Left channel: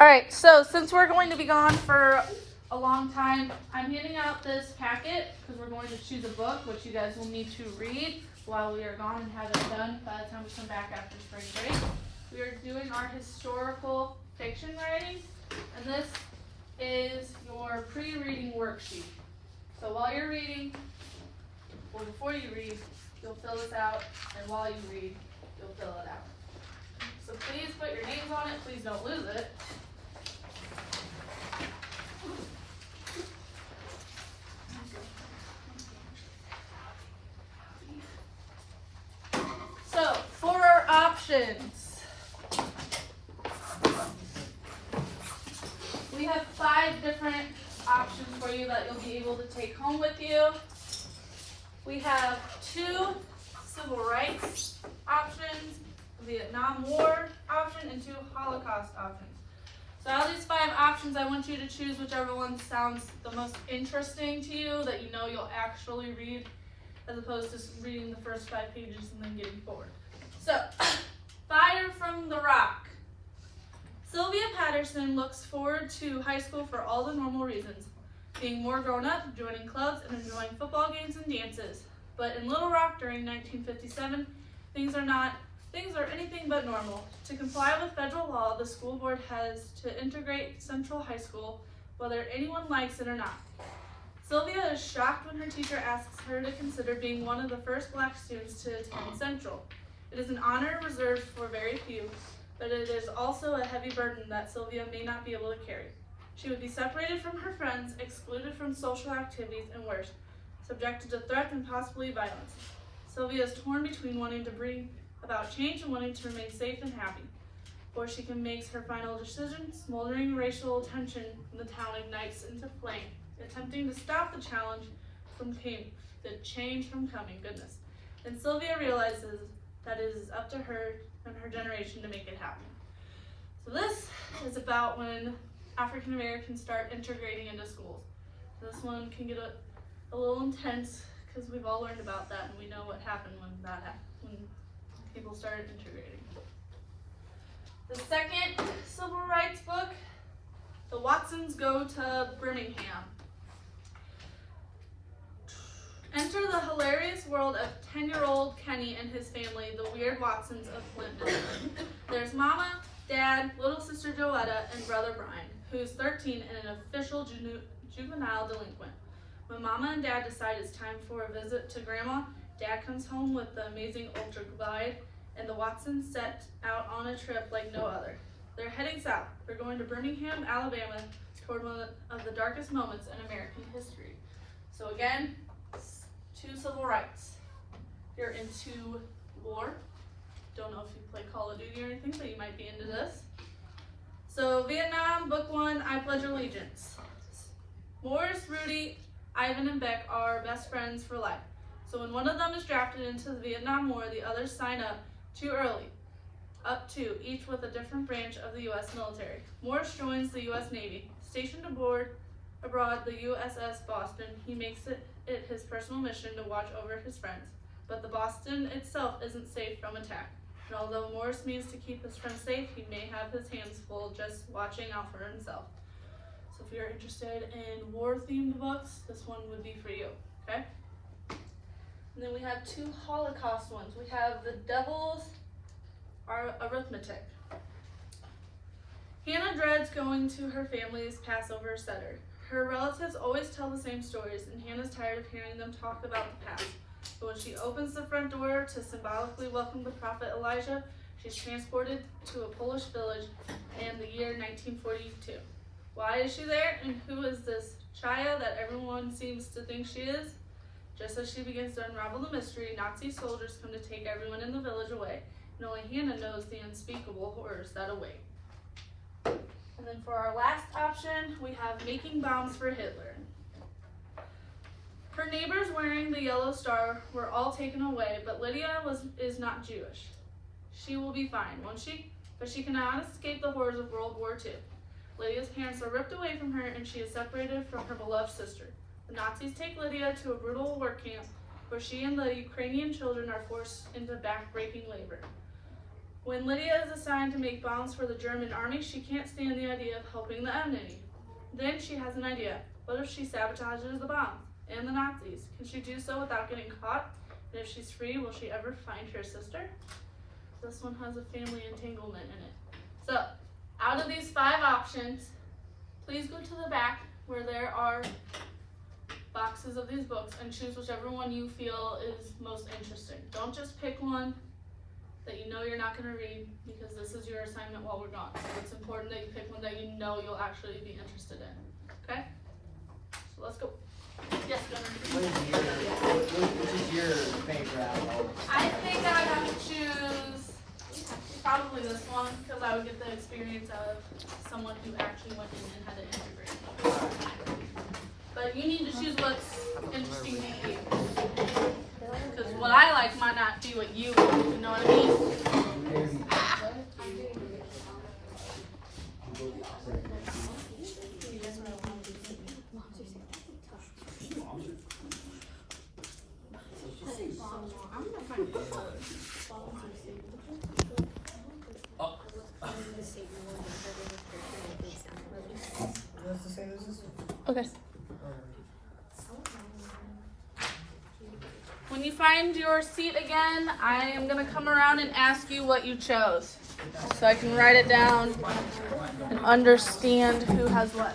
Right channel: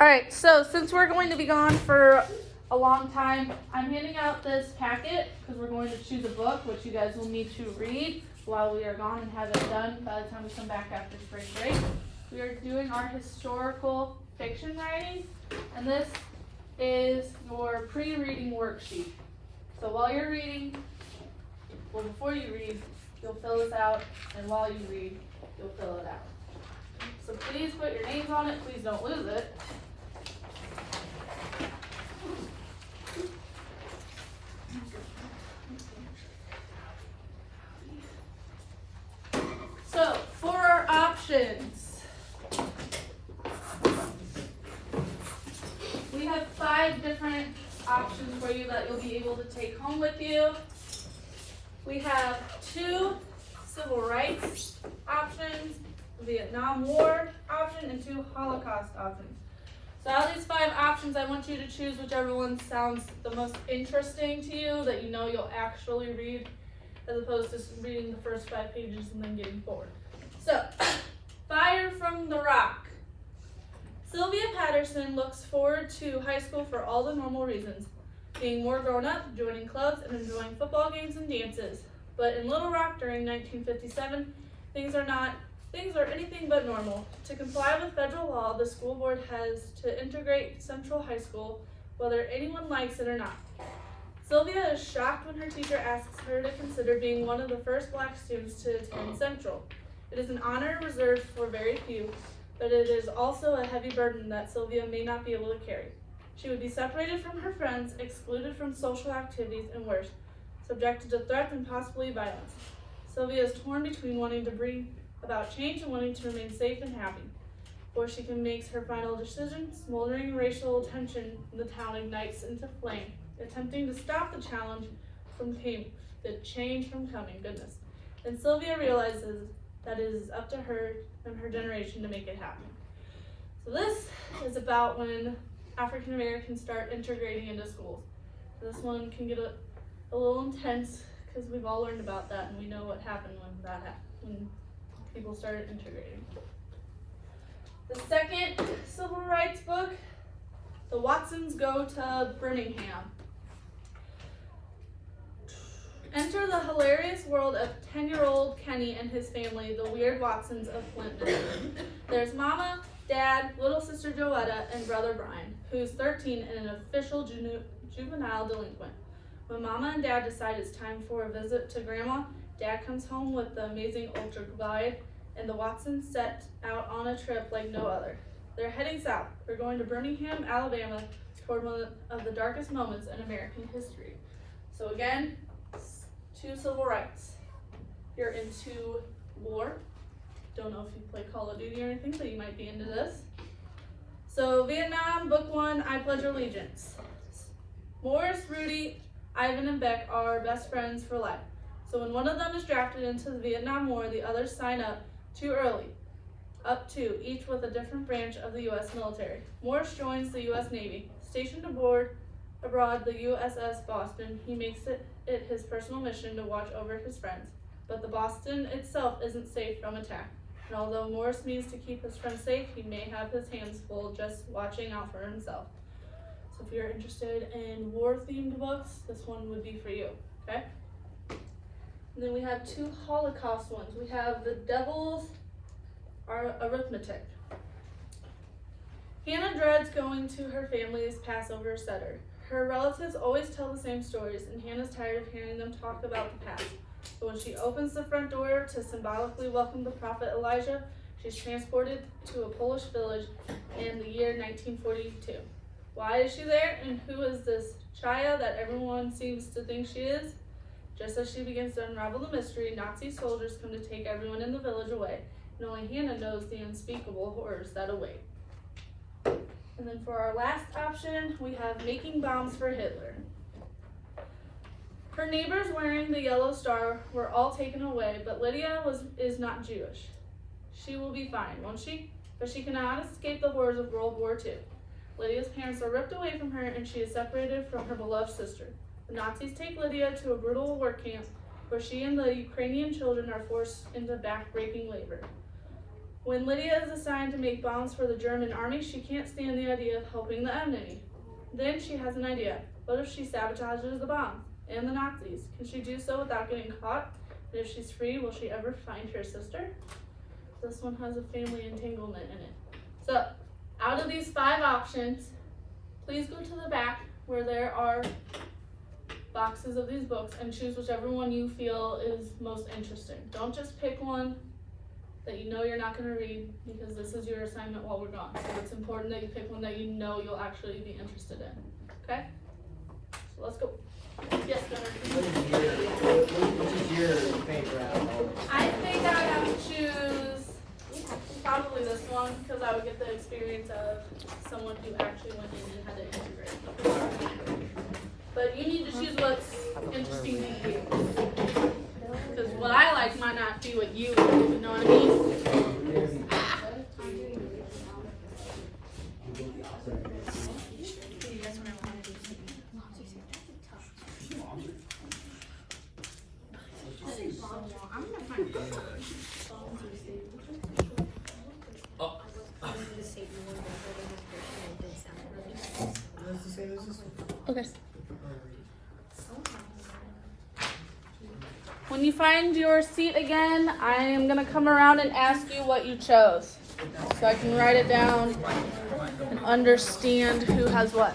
Alright, so since we're going to be gone for a long time, I'm handing out this packet because we're going to choose a book which you guys will need to read while we are gone and have it done by the time we come back after spring break. We are doing our historical fiction writing, and this is your pre-reading worksheet. So while you're reading, well, before you read, you'll fill this out, and while you read, you'll fill it out. So please put your names on it, please don't lose it. So, for our options, we have 5 different options for you that you'll be able to take home with you. We have 2 civil rights options, Vietnam War option, and 2 Holocaust options. So out of these 5 options, I want you to choose whichever one sounds the most interesting to you, that you know you'll actually read, as opposed to reading the first 5 pages and then getting bored. So, Fire from the Rock. Sylvia Patterson looks forward to high school for all the normal reasons, being more grown up, joining clubs, and enjoying football games and dances. But in Little Rock during 1957, things are anything but normal. To comply with federal law, the school board has to integrate Central High School, whether anyone likes it or not. Sylvia is shocked when her teacher asks her to consider being one of the first black students to attend Central. It is an honor reserved for very few, but it is also a heavy burden that Sylvia may not be able to carry. She would be separated from her friends, excluded from social activities, and worse, subjected to threats and possibly violence. Sylvia is torn between wanting to bring about change and wanting to remain safe and happy. Before she can make her final decision, smoldering racial tension in the town ignites into flame, attempting to stop the change from coming. Goodness. And Sylvia realizes that it is up to her and her generation to make it happen. So this is about when African Americans start integrating into schools. This one can get a little intense because we've all learned about that and we know what happened when people started integrating. The second civil rights book, The Watsons Go to Birmingham. Enter the hilarious world of 10-year-old Kenny and his family, the Weird Watsons of Flint, Michigan. There's Mama, Dad, little sister Joetta, and brother Brian, who's 13 and an official juvenile delinquent. When Mama and Dad decide it's time for a visit to Grandma, Dad comes home with the amazing Ultra Glide, and the Watsons set out on a trip like no other. They're heading south. They're going to Birmingham, Alabama, toward one of the darkest moments in American history. So again, 2 civil rights. You're into war. Don't know if you play Call of Duty or anything, but you might be into this. So Vietnam, Book 1, I Pledge Allegiance. Morris, Rudy, Ivan, and Beck are best friends for life. So when one of them is drafted into the Vietnam War, the others sign up too early. Up to, each with a different branch of the U.S. military. Morris joins the U.S. Navy. Stationed abroad the USS Boston, he makes it his personal mission to watch over his friends. But the Boston itself isn't safe from attack. And although Morris means to keep his friends safe, he may have his hands full just watching out for himself. So if you're interested in war-themed books, this one would be for you, okay? And then we have 2 Holocaust ones. We have The Devil's Arithmetic. Hannah dreads going to her family's Passover Seder. Her relatives always tell the same stories, and Hannah's tired of hearing them talk about the past. But when she opens the front door to symbolically welcome the prophet Elijah, she's transported to a Polish village in the year 1942. Why is she there, and who is this Chaya that everyone seems to think she is? Just as she begins to unravel the mystery, Nazi soldiers come to take everyone in the village away, and only Hannah knows the unspeakable horrors that await. And then for our last option, we have Making Bombs for Hitler. Her neighbors wearing the yellow star were all taken away, but Lydia is not Jewish. She will be fine, won't she? But she cannot escape the horrors of World War II. Lydia's parents are ripped away from her, and she is separated from her beloved sister. The Nazis take Lydia to a brutal work camp where she and the Ukrainian children are forced into back-breaking labor. When Lydia is assigned to make bombs for the German army, she can't stand the idea of helping the enemy. Then she has an idea. What if she sabotages the bombs and the Nazis? Can she do so without getting caught? And if she's free, will she ever find her sister? This one has a family entanglement in it. So, out of these 5 options, please go to the back where there are boxes of these books and choose whichever one you feel is most interesting. Don't just pick one that you know you're not going to read, because this is your assignment while we're gone. So it's important that you pick one that you know you'll actually be interested in. Okay? So let's go. Yes, Gunnar. Which is your favorite out of all? I think I have to choose probably this one, because I would get the experience of someone who actually went in and had to integrate. But you need to choose what's interesting to you. Because what I like might not be what you like, you know what I mean? Okay. When you find your seat again, I am going to come around and ask you what you chose, so I can write it down and understand who has what.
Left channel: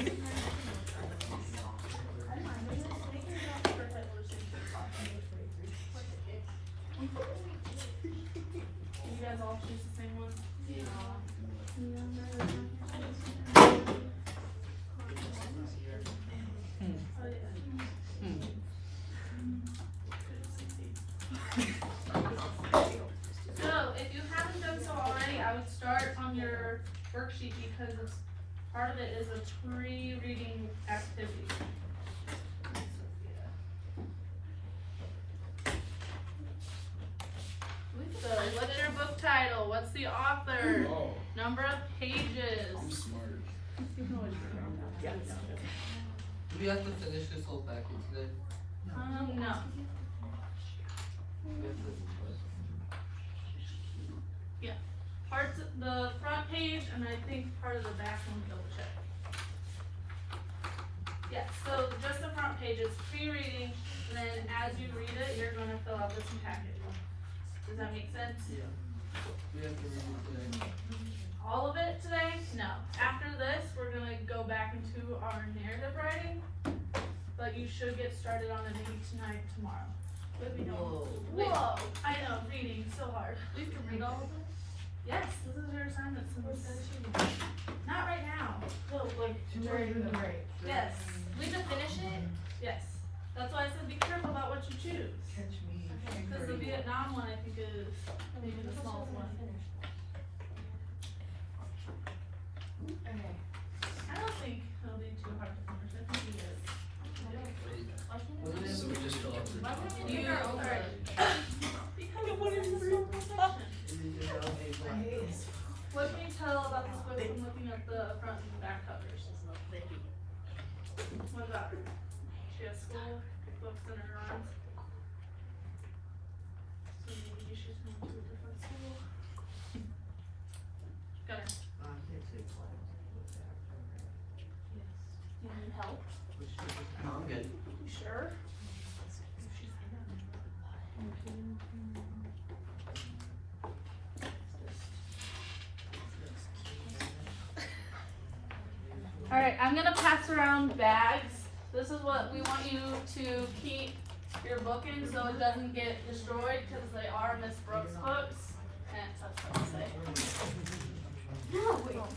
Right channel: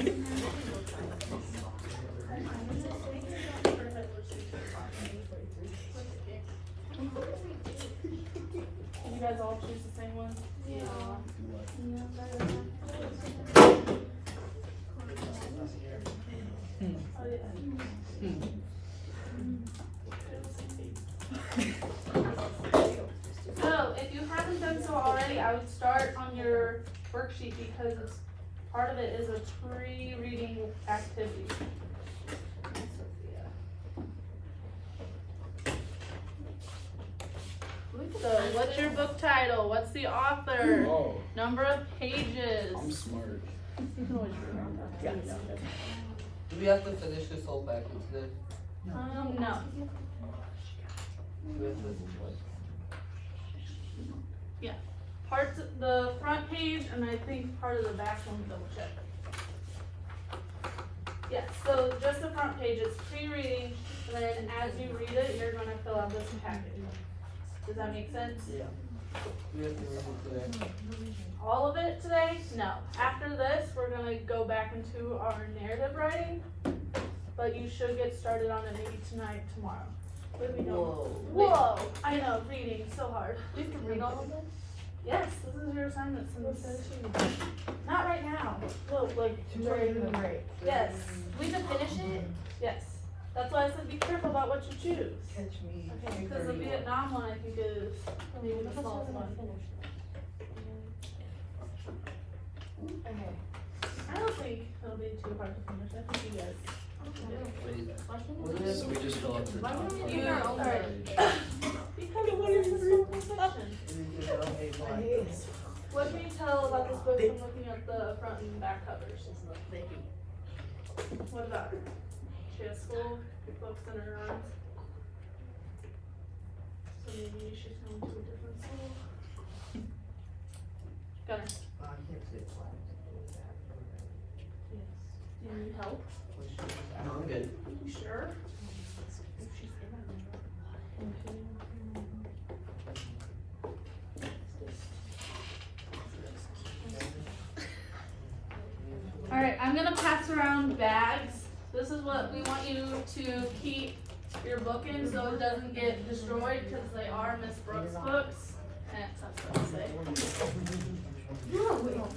You guys all choose the same one? Yeah. So, if you haven't done so already, I would start on your worksheet, because part of it is a pre-reading activity. So, what's your book title? What's the author? Oh, Number of pages? I'm smart. Do we have to finish this whole package today? No. We have to- Parts of the front page, and I think part of the back one, double check. Yeah, so just the front page, it's pre-reading, and then as you read it, you're gonna fill out this package. Does that make sense? Yeah. We have to read it today. All of it today? No. After this, we're gonna go back into our narrative writing, but you should get started on it maybe tonight, tomorrow. Whoa! I know, reading, so hard. We have to read all of this? Yes, this is your assignment. Not right now. Well, like, during the break. Yes, We have to finish it? yes. That's why I said be careful about what you choose. Catch me. Because the Vietnam one, I think, is maybe the smallest one. Okay. I don't think it'll be too hard to finish. I think you guys. What is this? So we just fill out the. Why don't we You do our own are. version? Because it's a historical section. Okay, fine. What can you tell about this book from looking at the front and back covers? What about her? She has school books in her arms. So maybe she's going to a different school. Gunner, I can't say class. do you need help? good. You sure? Alright, I'm gonna pass around bags. This is what we want you to keep your book in so it doesn't get destroyed because they are Miss Brooks books. That's what I say.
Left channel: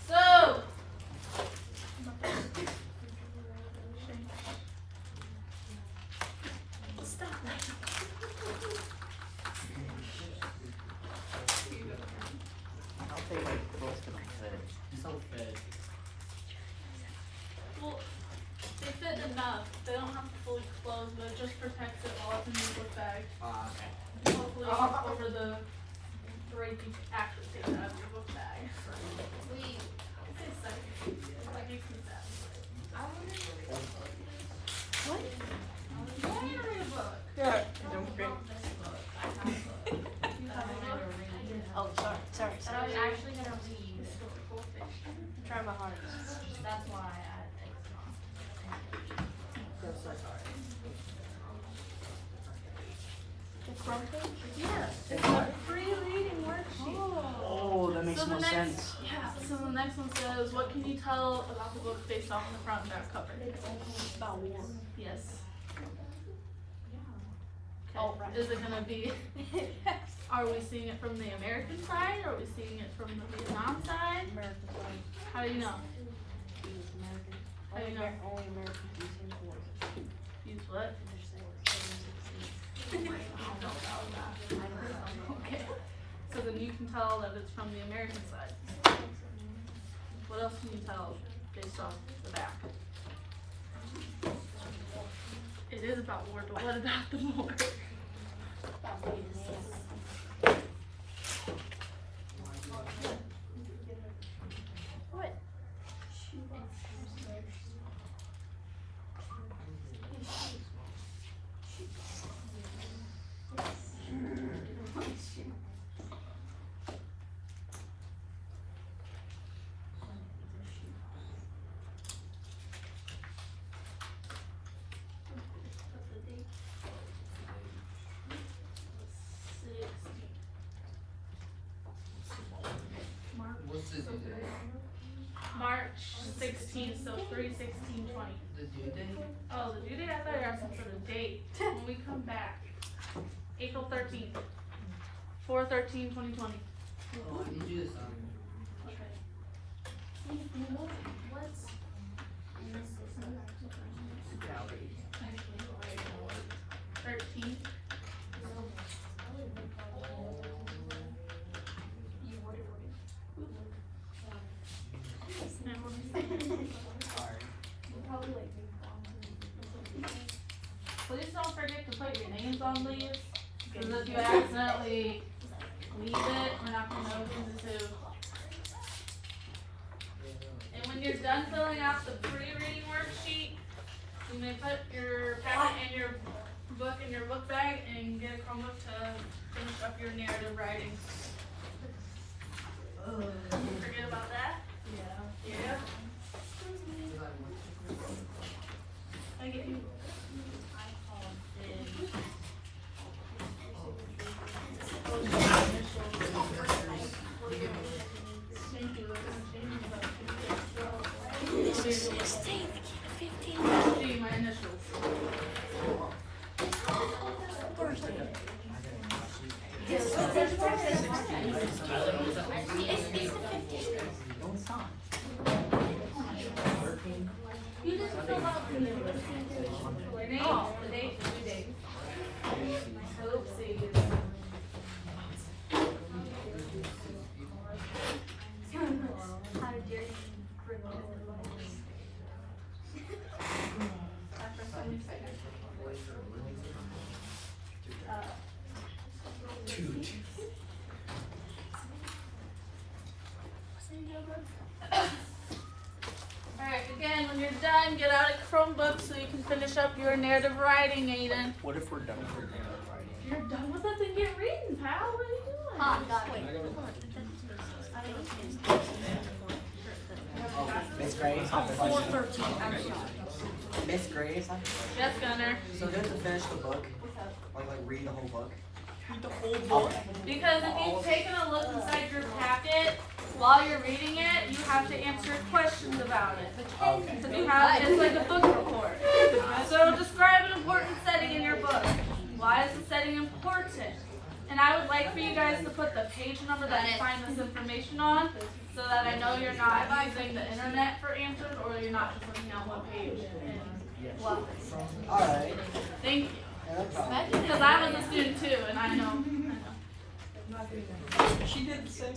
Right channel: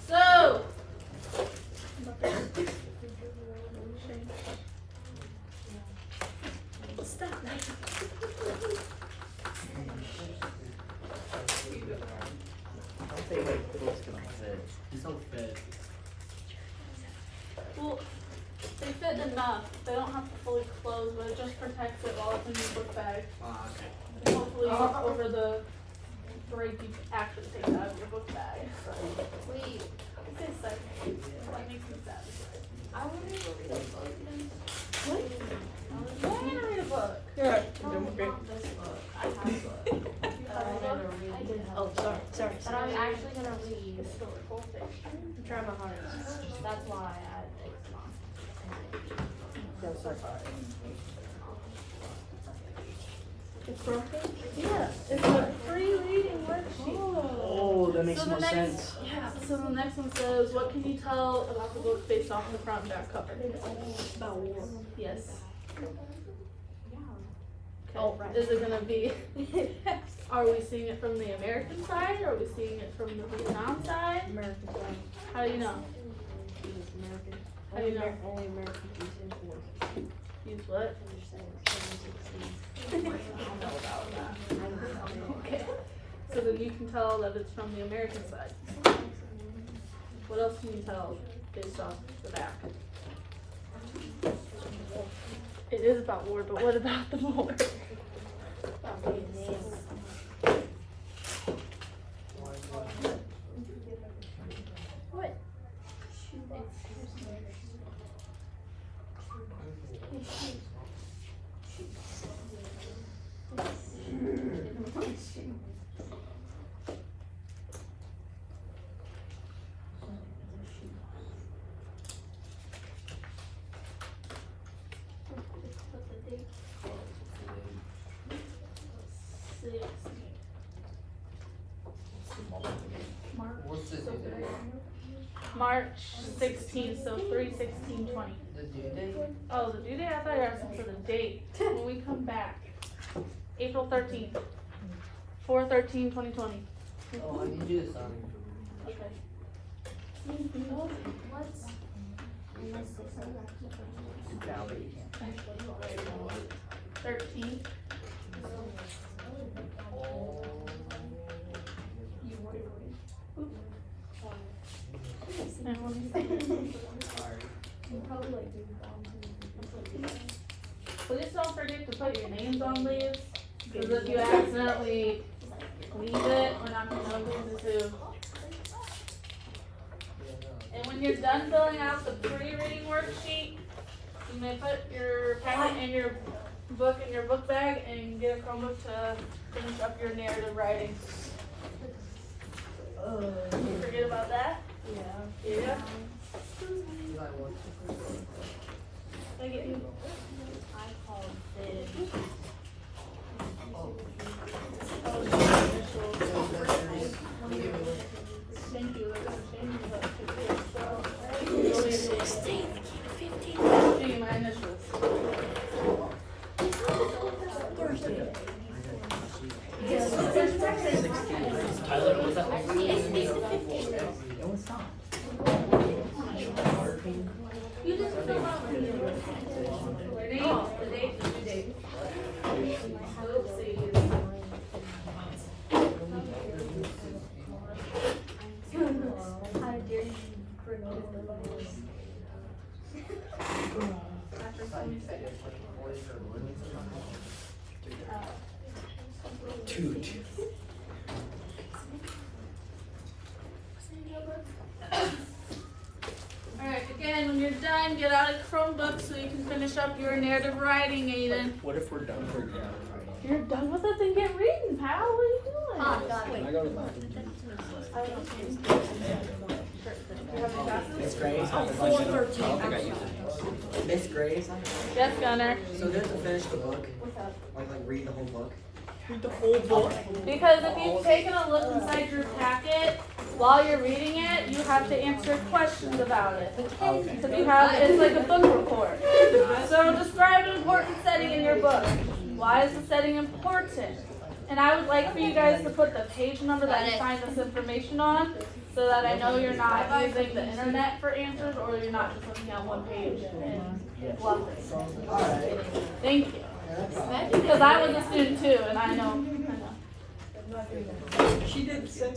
So, stop. I'll take the books to my set. He's so fit. Well, they fit enough. They don't have to fully close, but it just protects it while it's in your book bag. And hopefully, over the break, you can actually take it out of your book bag. Wait, It tastes like that makes me sad. I want to read a book. What? You want me to read a book? Yeah. Not this book. I have a book. You have a book? I did have Oh, a book. sorry. But I'm actually gonna read. Historical fiction. I'm trying my hardest. That's why it's not. It's broken? Yeah, it's a free reading worksheet. Oh, that makes So the more next, sense. yeah. So the next one says, "What can you tell about the book based off the front and back cover?" It's about war. Yes. Okay. Oh, right. Is it gonna be? Are we seeing it from the American side? Or are we seeing it from the Vietnam side? American flag. How do you know? It was American. How do you know? Only Americans use in force. Use what? I don't know about that. Okay. So then you can tell that it's from the American side. What else can you tell based off the back? It is about war, but what about the war? About Vietnam. What? What's the due date? March 16th, so 3/16/20. The due date? Oh, the due date? I thought you were asking for the date. When we come back. April 13th. 4/13/2020. Oh, I need you to sign. Okay. What's in this system? 13th. You would have And let me- probably like Please don't forget to put your names on these, because if you accidentally leave it, we're not gonna know who's who. And when you're done filling out the pre-reading worksheet, you may put your packet and your book in your book bag and get a Chromebook to finish up your narrative writing. Forget about that? Yeah. Yeah. You got one. I get you. I called this. Oh, Oh, the initials. Thank you, they're gonna change that to so. 16th, 15th. Change my initials. It's the 15th. No, it's not. You just fill out the name, the date, the due date. Oopsies. How dare you criminal device? Two. Alright, again, when you're done, get out a Chromebook so you can finish up your narrative writing, Aiden. What if we're done with the narrative writing? You're done with it, then get reading, pal. What are you doing? Ah, got it. Wait. I gotta go. It's great. Oh, 413, I'm sorry. Miss Grace. Yes, Gunner. So do you have to finish the book? Like read the whole book? The whole book. Because if you've taken a look inside your packet, while you're reading it, you have to answer questions about it. So you have, it's like a book report. So describe an important setting in your book. Why is the setting important? And I would like for you guys to put the page number that you find this information on, so that I know you're not using the internet for answers, or you're not just looking at one page and bluffing. Alright. Thank you. Because I was a student too, and I know. She did the same.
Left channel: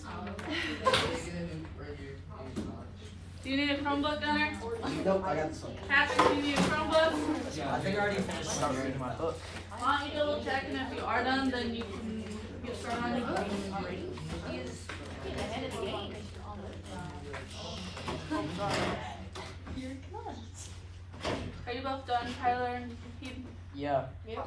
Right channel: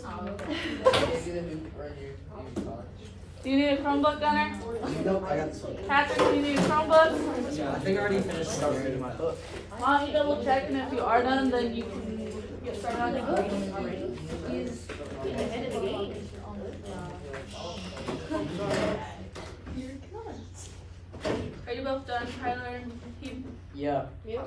Do you need a Chromebook, Gunner? Nope, I got some. Patrick, do you need a Chromebook? Yeah, I think I already finished start reading my book. Why don't you double check, and if you are done, then you can get started on the book. Ahead of the game. Are you both done, Tyler and Keith? Yeah. Yeah.